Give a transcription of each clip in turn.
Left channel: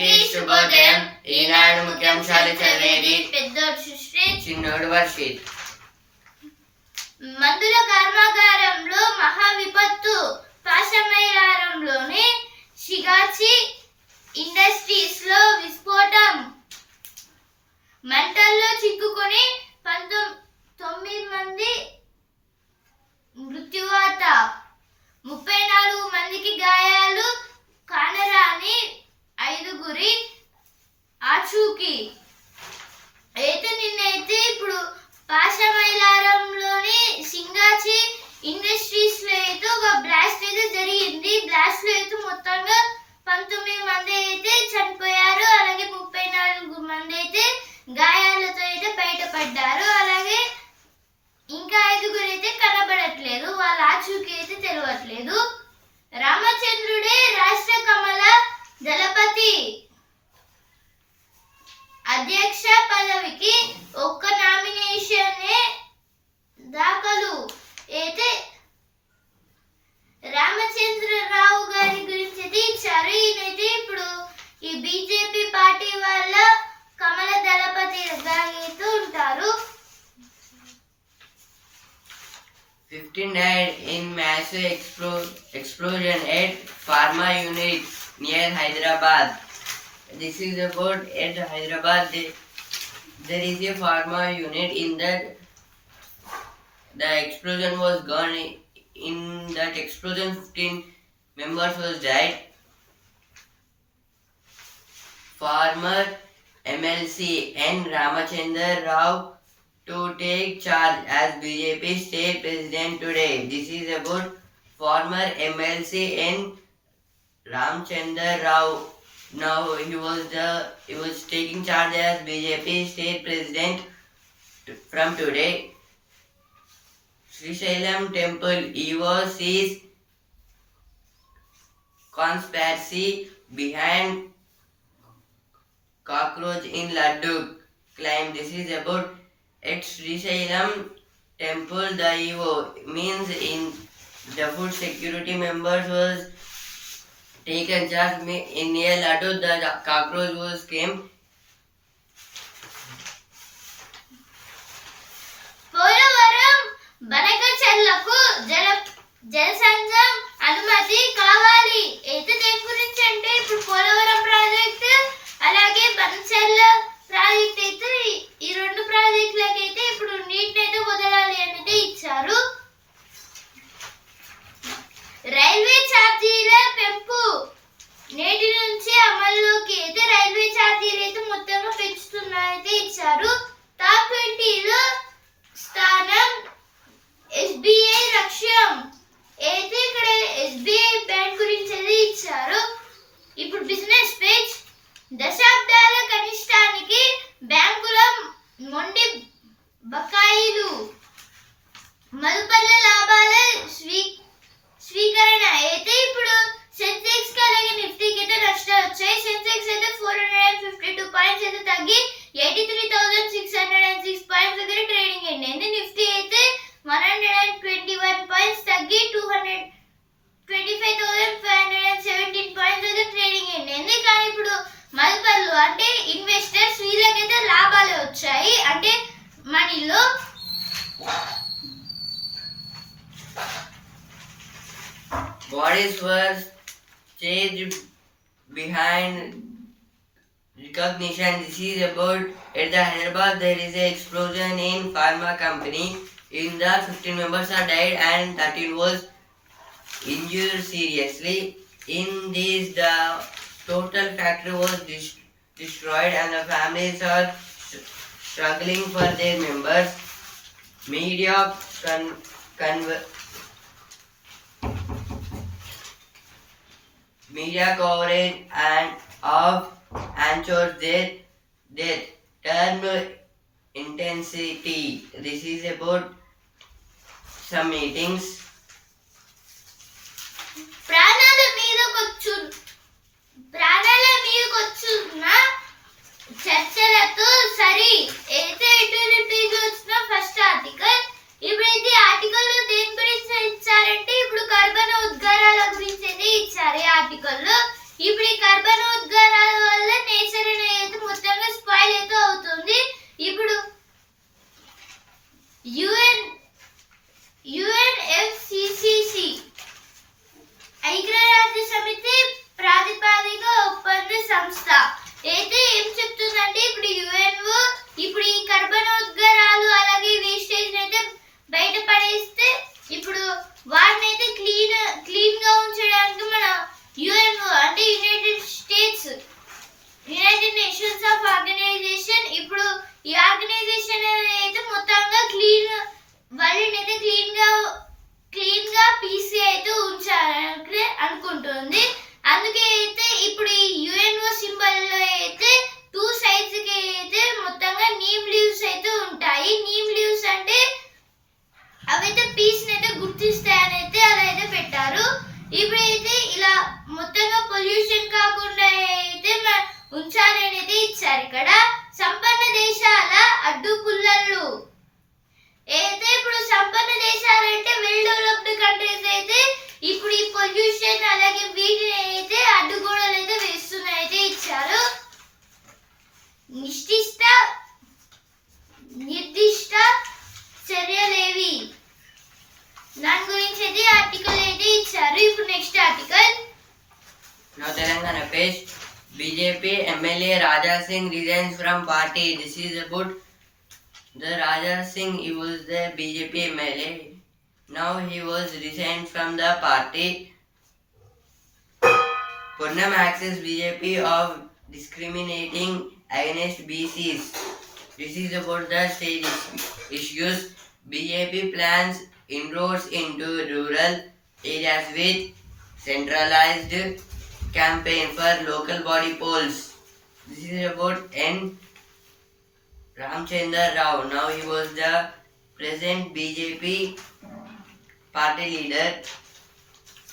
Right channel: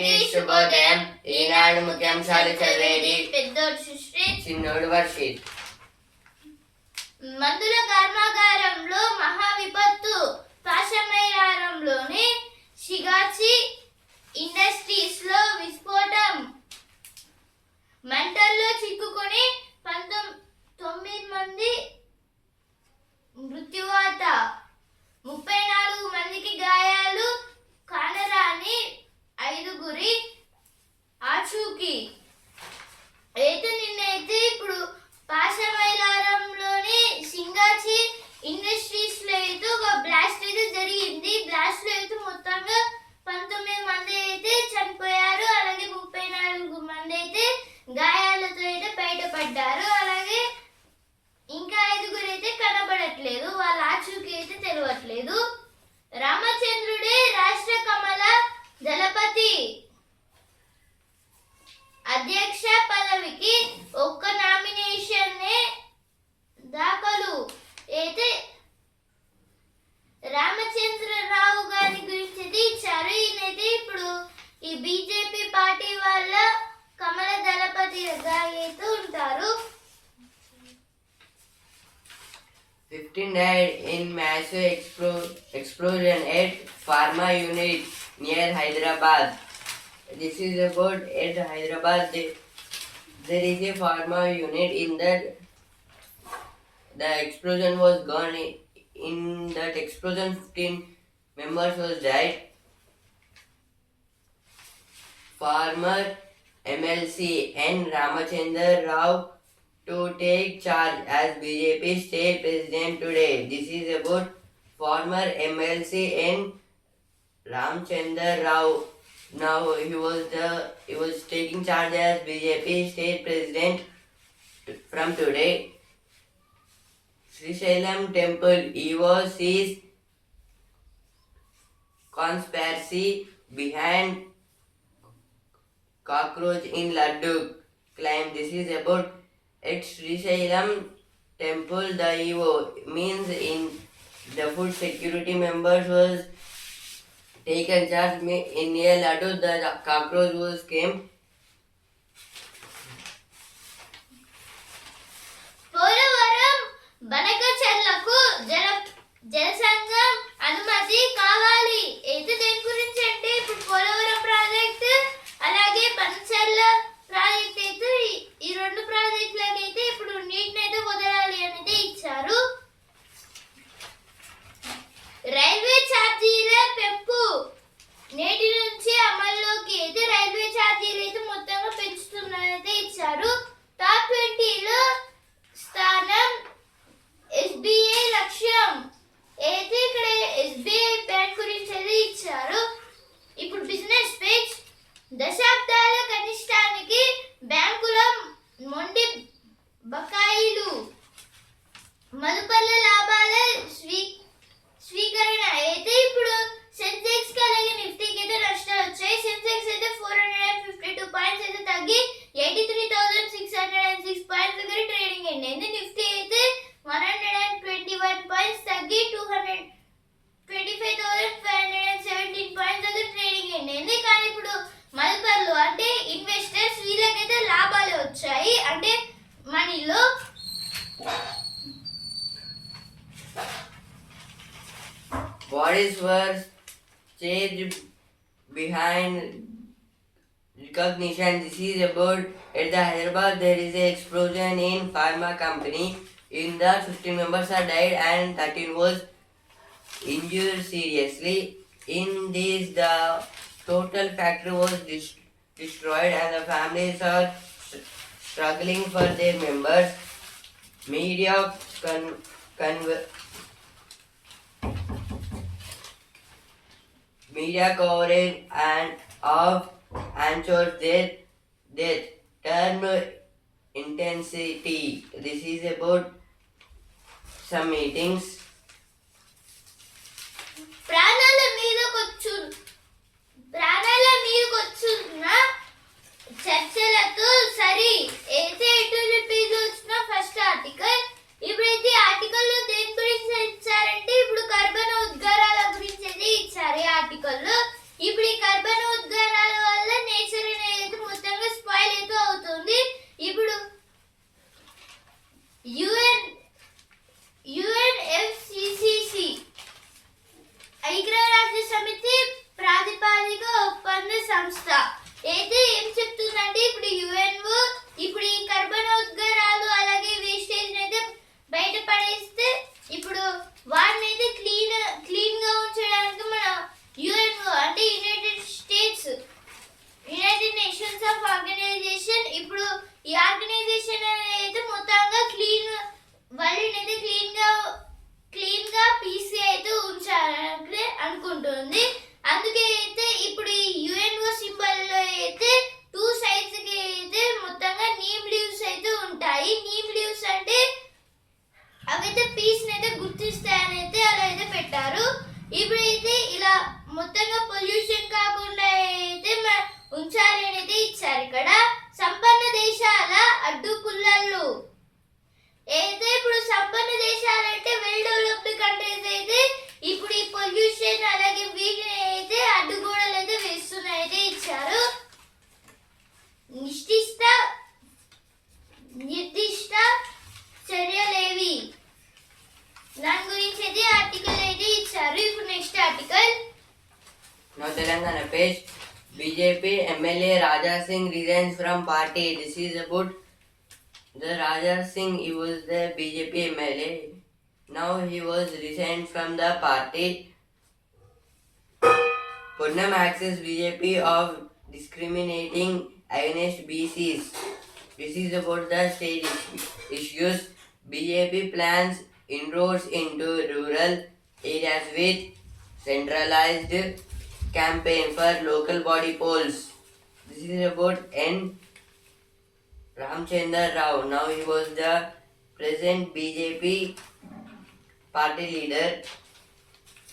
అందరికీ శుభోదయం ఈనాడు ముఖ్యాంశాలు చదివేది పెద్దోడు సృష్టి చిన్నోడు వర్షిత్. మందుల కర్మాగారంలో మహా విపత్తు పాషమైలారంలోని షిగాచి ఇండస్ట్రీస్లో విస్ఫోటం. మంటల్లో చిక్కుకొని పంతొమ్ తొమ్మిది మంది మృత్యువాత. ముప్పై నాలుగు మందికి గాయాలు కానరాని ఐదుగురి ఆచూకీ. అయితే నిన్నైతే ఇప్పుడు పాశమైలారంలోని సింగాచి ఇండస్ట్రీస్లో అయితే ఒక బ్లాస్ట్ అయితే జరిగింది. Blast 15 died in massive explo- explosion at pharma unit near Hyderabad. This is about at Hyderabad. There, there is a pharma unit in that the explosion was gone. In that explosion, 15 members was died. Farmer MLC N. Ramachandra Rao to take charge as BJP state president today. This is about former MLC N. Ramchandra Rao. Now he was the he was taking charge as BJP state president from today. Srisailam Temple EVO sees conspiracy behind cockroach in Laddu claim this is about it's Srisailam temple దైవో means in the security members was taken charge me in year లటు the cockroach was came Polavaram బలక చెర్లకు జల జలసంఘం అనుమతి కావాలి. అయితే దేని గురించి అంటే ఇప్పుడు Polavaram project అలాగే పంచర్ల ప్రాజెక్ట్ అయితే ఈ- రెండు ప్రాజెక్టులకైతే అయితే ఇప్పుడు నీటిని అయితే వదలాలి అనేది ఇచ్చారు. రైల్వే ఛార్జీల పెంపు నేటి నుంచి అమల్లోకి అయితే రైల్వే ఛార్జీలు అయితే మొత్తంగా పెంచుతున్నారైతే ఇచ్చారు. టాప్ ట్వంటీలో స్థానం వచ్చాయి అంటే మనీలో bodies were staged behind recognition. This is about at the Hyderabad there is a explosion in pharma company. In the 15 members are died and 13 was injured seriously. In this the total factory was dis- destroyed and the families are st- struggling for their members. Media con- conver- media coverage and of Anchor's death, death term intensity. This is about some meetings. ప్రాణాల మీదకొచ్చు ప్రాణాల మీదకొచ్చున్న చర్చలతో సరి. అయితే ఎటువంటి page వచ్చిన first article ఇప్పుడైతే ఆర్టికల్లో దేని గురించి ఇచ్చారంటే ఇప్పుడు కర్బన ఉద్గారాల గురించి అయితే ఇచ్చారు ఈ ఆర్టికల్లో. ఇప్పుడు ఈ కర్బన ఉద్గారాల వల్ల nature BJP MLA Raja Singh resigns from party. This is about the Raja Singh. He was the BJP MLA. Now he was resigned from the party. Purnam accuses BJP of discriminating against BCs. This is about the state issues. BJP plans inroads into rural areas with centralized campaign for local body polls. This is about N. Ramchandra Rao. Now he was the present BJP party leader.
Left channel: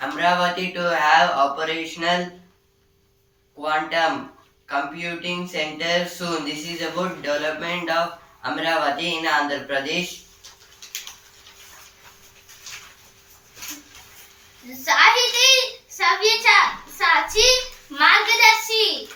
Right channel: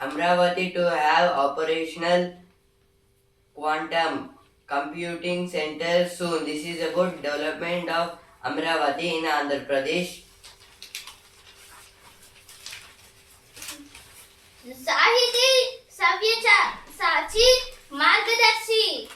Amravati to have operational quantum computing center soon. This is about development of Amravati in Andhra Pradesh. Sahiti Savyachar. સાચી માર્ગદર્શી.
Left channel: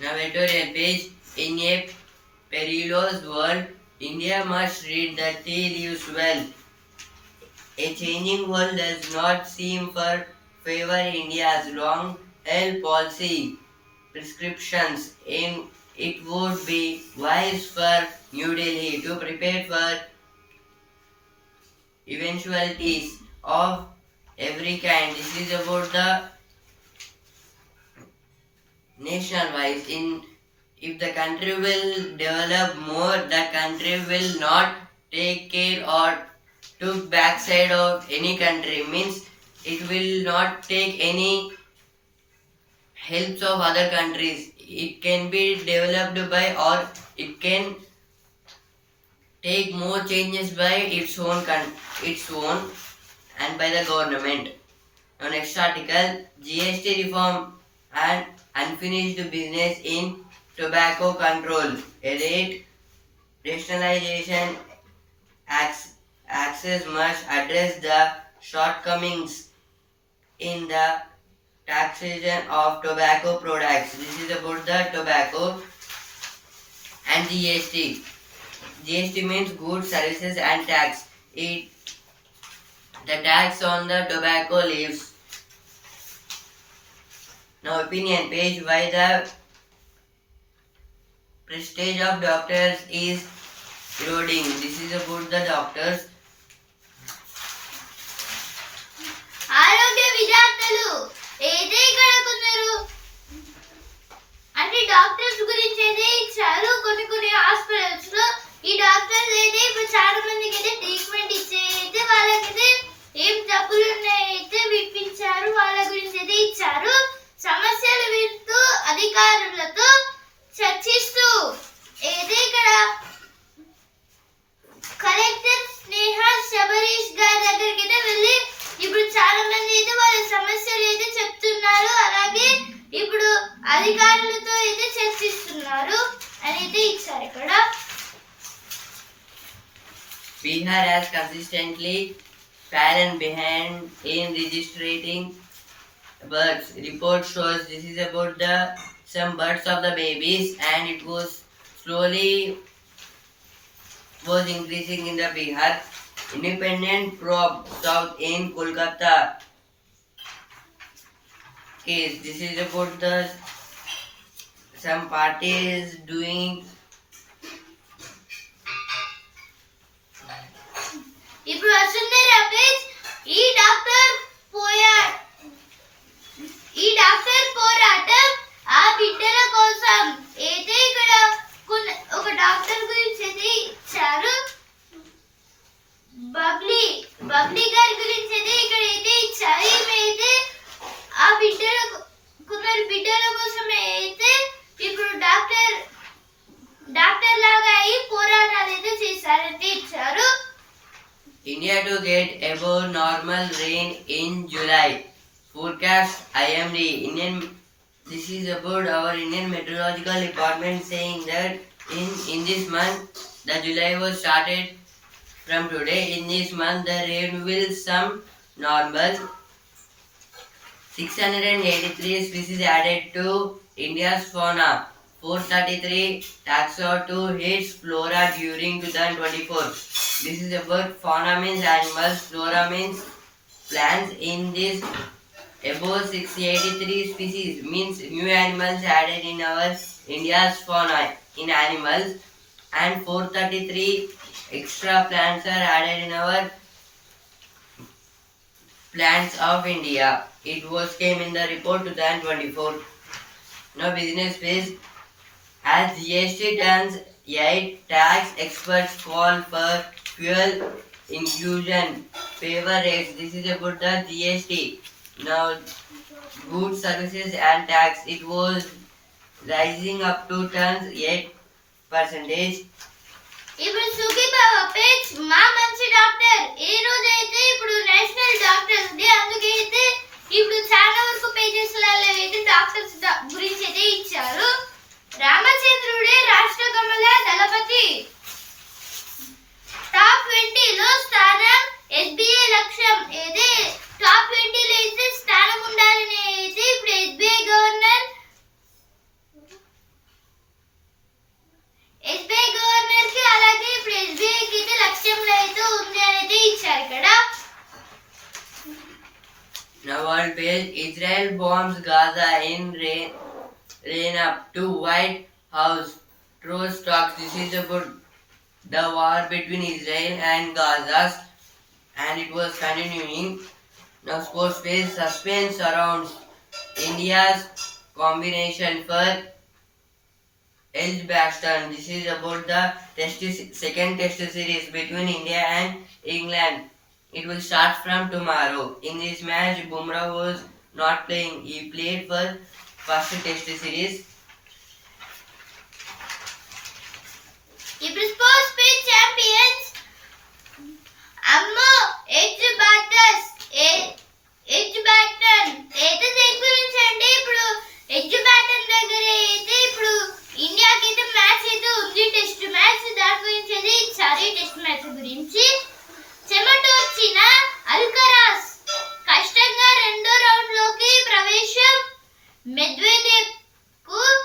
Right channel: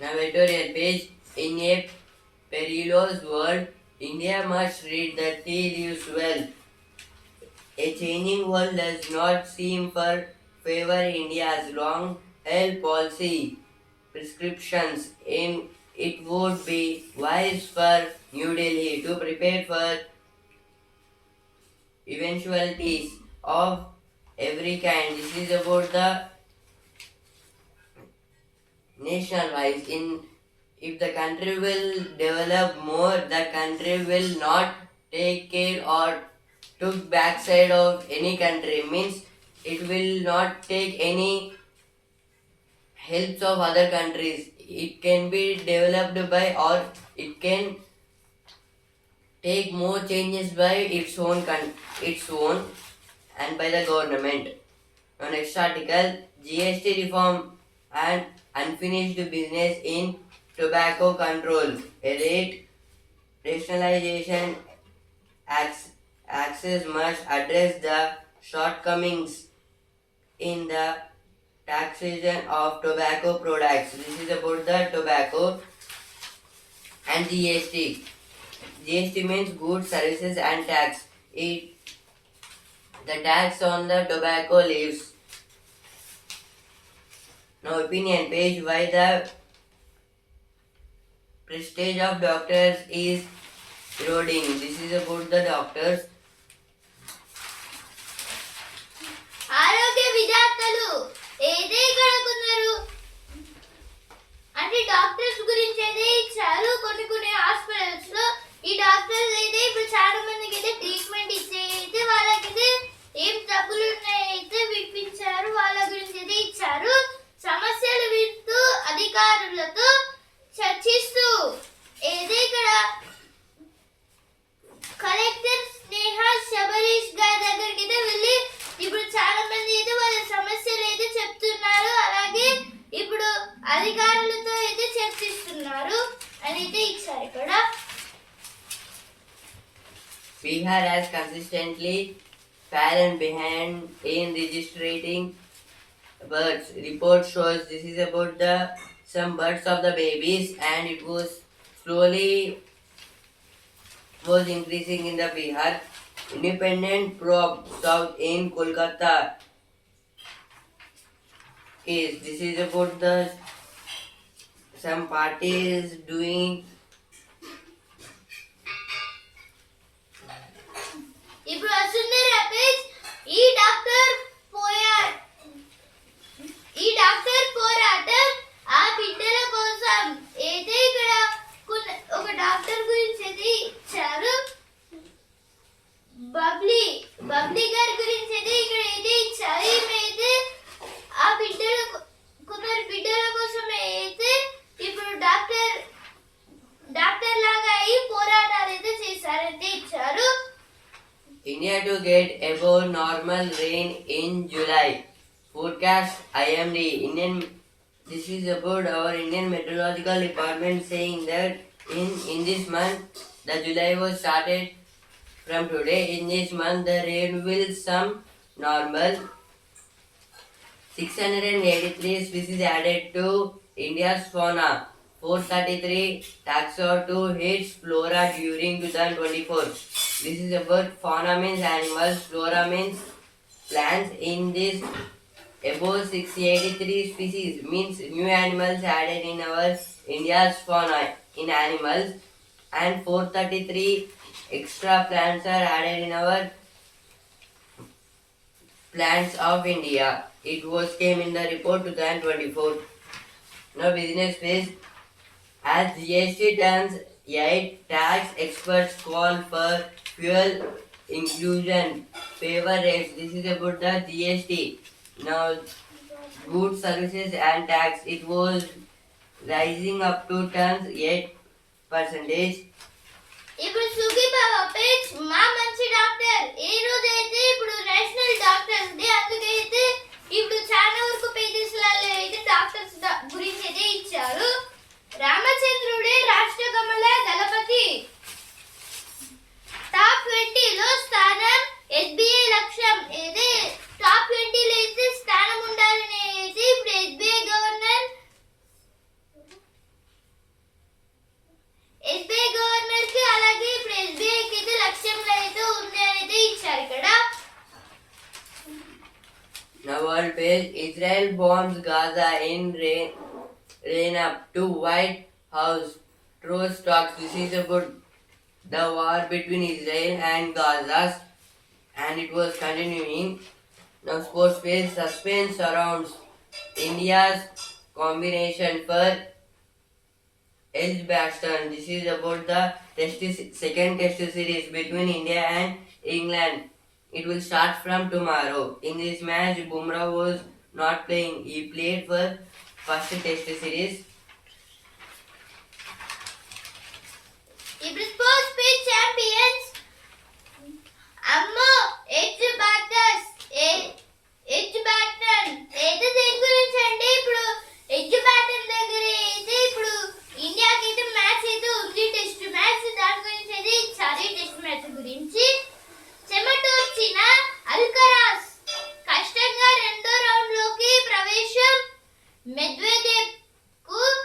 Navigator page in a perilous world, India must read the tea leaves well. A changing world does not seem for favor India's long health policy prescriptions. In it would be wise for New Delhi to prepare for eventualities of every kind. This is about the nation wise in if the country will develop more the country will not take care or took backside of any country. Means it will not take any helps of other countries. It can be developed by or it can take more changes by its own con- its own and by the government. Now next article gst reform and unfinished business in tobacco control. A rate rationalization access must address the shortcomings in the taxation of tobacco products. This is about the tobacco and gst gst means goods services and tax. It the tax on the tobacco leaves now opinion page why the prestige of doctors is eroding. This is about the doctors. ఆరోగ్య విద్యార్థులు ఏదే ఇక్కడ అంటే doctors గురించి అయితే ఇచ్చారు కొన్ని కొన్ని హాస్పిటల్స్లో ఈ డాక్టర్స్ అయితే ఇప్పుడు చాలా మంది consistently fallen behind in registering births. Report shows this is about the some births of the babies and it was slowly was increasing in the Bihar. Independent probe south in Kolkata case. This is about the some parties doing ఇప్పుడు వస్తుంది రమేష్. ఈ doctor పోయా ఈ doctor పోరాటం ఆ బిడ్డల కోసం. అయితే ఇక్కడ ఒక డాక్టర్ గురించి అయితే ఇచ్చారు. బబ్లీ బబ్లీ గారి గురించి అయితే ఇక్కడ అయితే ఇచ్చారు. ఏమైతే అయితే ఆ బిడ్డల కొందరు బిడ్డల కోసం అయితే ఇప్పుడు డాక్టర్ డాక్టర్ లాగా అయి పోరాటాలు అయితే చేశారంటే ఇచ్చారు. India to get above normal rain in July. Forecast IMD. Indian. This is about our Indian Meteorological Department saying that in in this month, the July was started from today. In this month, the rain will some normal. 683 species added to India's fauna. 433 taxa to its flora during 2024. This is about fauna means animals, flora means plants. In this, above 683 species means new animals added in our India's fauna in animals, and 433 extra plants are added in our plants of India. It was came in the report 2024. Now business phase. As GST turns 8, tax experts call for fuel inclusion favor rates. This is about the GST. Now goods, services and tax. It was rising up to turns 8 percentage. ఇప్పుడు సుఖీ Sukhibhava page మా మంచి doctor ఈ రోజు అయితే ఇప్పుడు national doctors day అందుకే అయితే ఇప్పుడు చాలా వరకు పేజెస్ అయితే డాక్టర్స్ గురించి అయితే ఇచ్చారు రామచంద్రుడే రాష్ట్ర కమల దళపతి. టాప్ ట్వంటీలో స్థానం ఎస్బీఐ లక్ష్యం ఏది? టాప్ ట్వంటీలో అయితే స్థానం ఉండాలని అయితే ఇప్పుడు ఎస్బీఐ గవర్నర్ ఎస్బీఐ గవర్నర్కి అలాగే ఇప్పుడు ఎస్బీఐ కి అయితే లక్ష్యంలో అయితే ఉంది అని అయితే ఇచ్చారు ఇక్కడ. Now world page Israel bombs Gaza in rain, rain up to White House. True talks. This is about the war between Israel and Gaza, and it was continuing. Now sports page suspense surrounds India's combination for Edgbaston. This is about the test second test series between India and England. It will start from tomorrow. In this match, Bumrah was not playing. He played for first test series ఇప్పుడు sports page champions అమ్మో edge batters edge batting అయితే దేని గురించి అండి ఇప్పుడు edge baton దగ్గర అయితే ఇప్పుడు ఇండియాకి అయితే మ్యాచ్ అయితే ఉంది టెస్ట్ మ్యాచ్ దాని గురించి అయితే సారీ టెస్ట్ మ్యాచ్ గురించి చెమటోర్చిన అల్కరాస్ కష్టంగా రెండో రౌండ్లోకి ప్రవేశం Medvedev, good.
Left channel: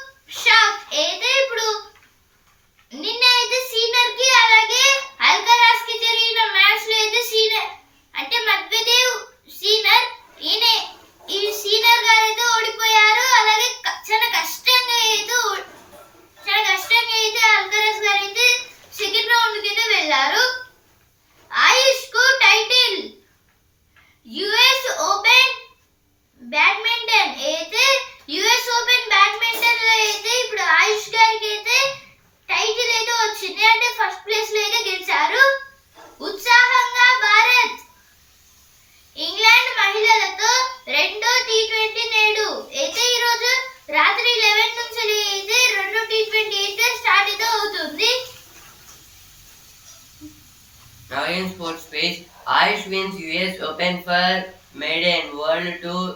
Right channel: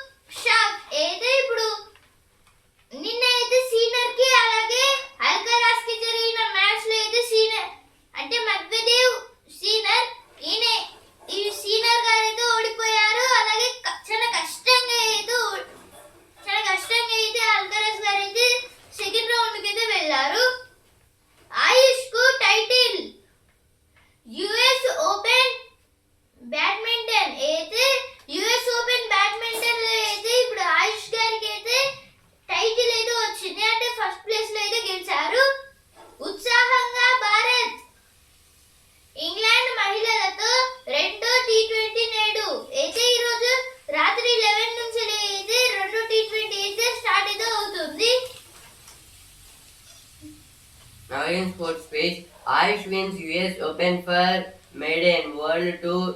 Wins US Open for maiden World Tour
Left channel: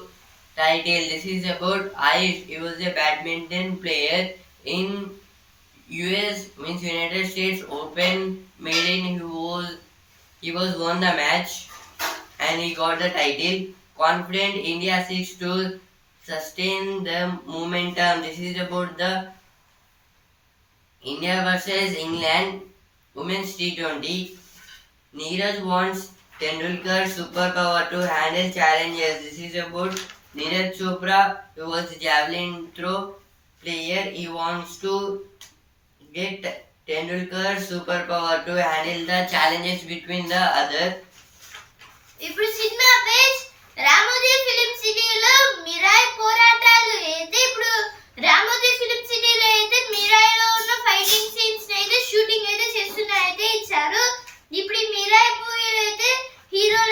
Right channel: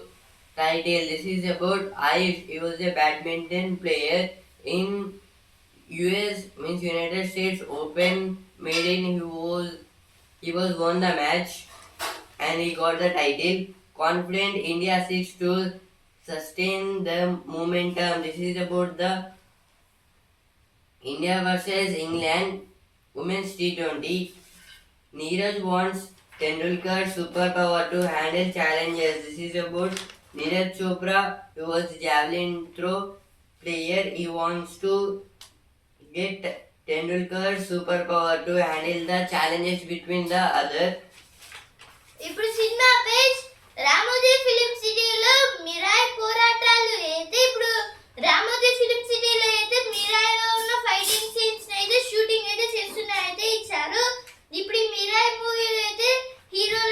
title. This is about Ayush. He was a badminton player in US means United States Open maiden. He was he was won the match and he got the title. Confident India seeks to sustain the momentum. This is about the India versus England Women's T20. Neeraj wants Tendulkar superpower to handle challenges. This is about Neeraj Chopra, who was javelin throw player. He wants to get Tendulkar superpower to handle the challenges between the other. ఇప్పుడు cinema page Ramoji film సిటీలో మిరాయ్ పోరాటాలు అయితే ఇప్పుడు Ramoji film సిటీలో అయితే మిరాయిలో ఉన్న fighting scenes అయితే shooting అయితే చేస్తున్నారు అయితే ఇచ్చారు ఇప్పుడు ఈ మిరాయ్ మూవీలో అయితే హీరోలు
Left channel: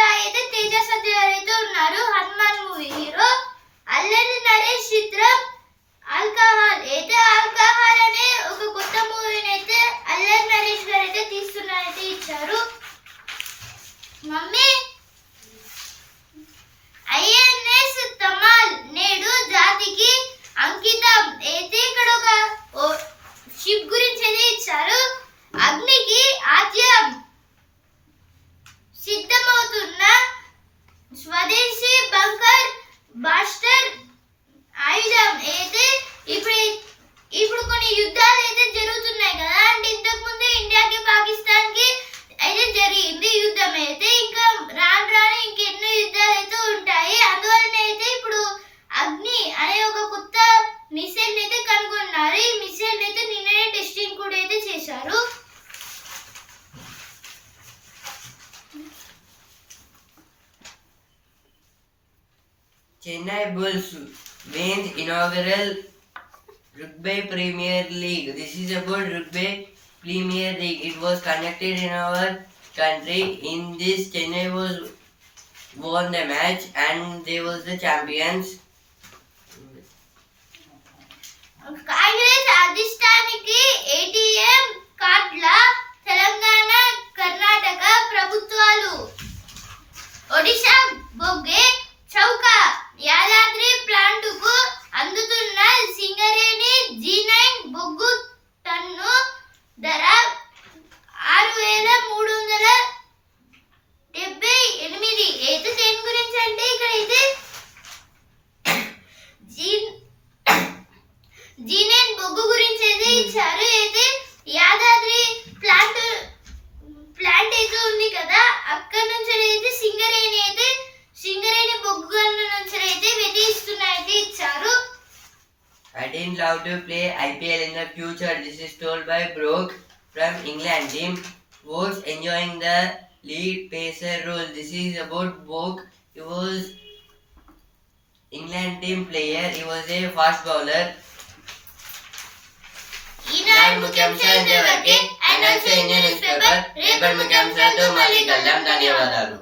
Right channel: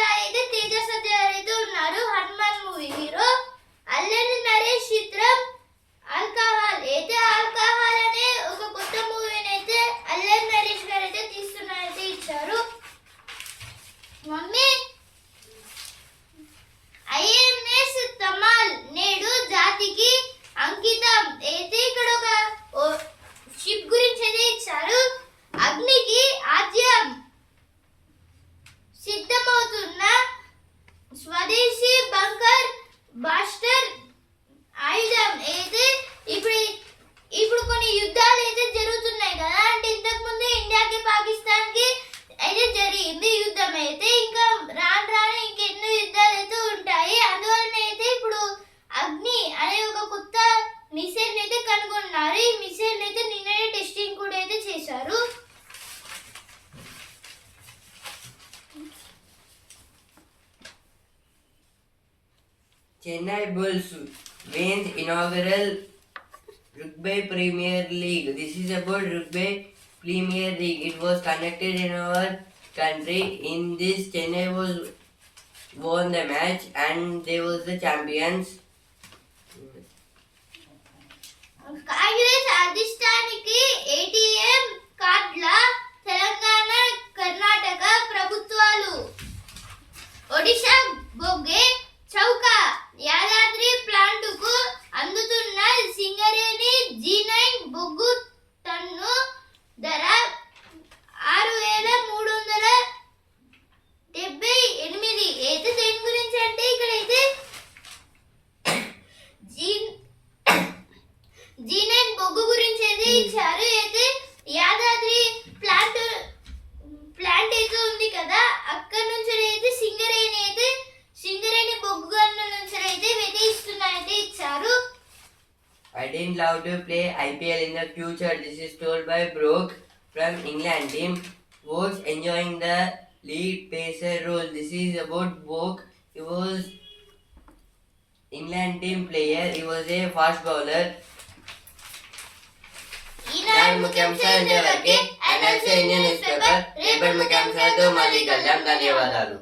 Chennai Bulls wins inaugural Rugby Premier League. This is about Rugby Premier League. It was conducted in our country. In this, Chennai was won the match and they was the champions. Congress అధిష్టానికి ATM కార్డుల తెలంగాణ కర్ణాటక ప్రభుత్వాలు ఒడిశా బొగ్గే చౌక యాదాద్రి ప్లాంటుకు అందుతున్న Singareni G nine బొగ్గు ton ధర ఆరు వేల మూడు వందల డెబ్బై ఎనిమిది. అయితే దేని గురించి అంటే ఇక్కడ అయితే జీ నైన్ బొగ్గు గురించి అయితే ఇచ్చారు. అయితే యాదాద్రి ఇచ్చారు I didn't love to play IPL in the future. This is told by Brooke from England team. Was enjoying the lead pacer role. This is about Brooke. He was England team player. He was a fast bowler. ఈనాడు ముఖ్యాంశాలు ఇంతవరకే and also Indian news paper రేపటి ముఖ్యాంశాలతో మళ్ళీ కలుద్దాం ధన్యవాదాలు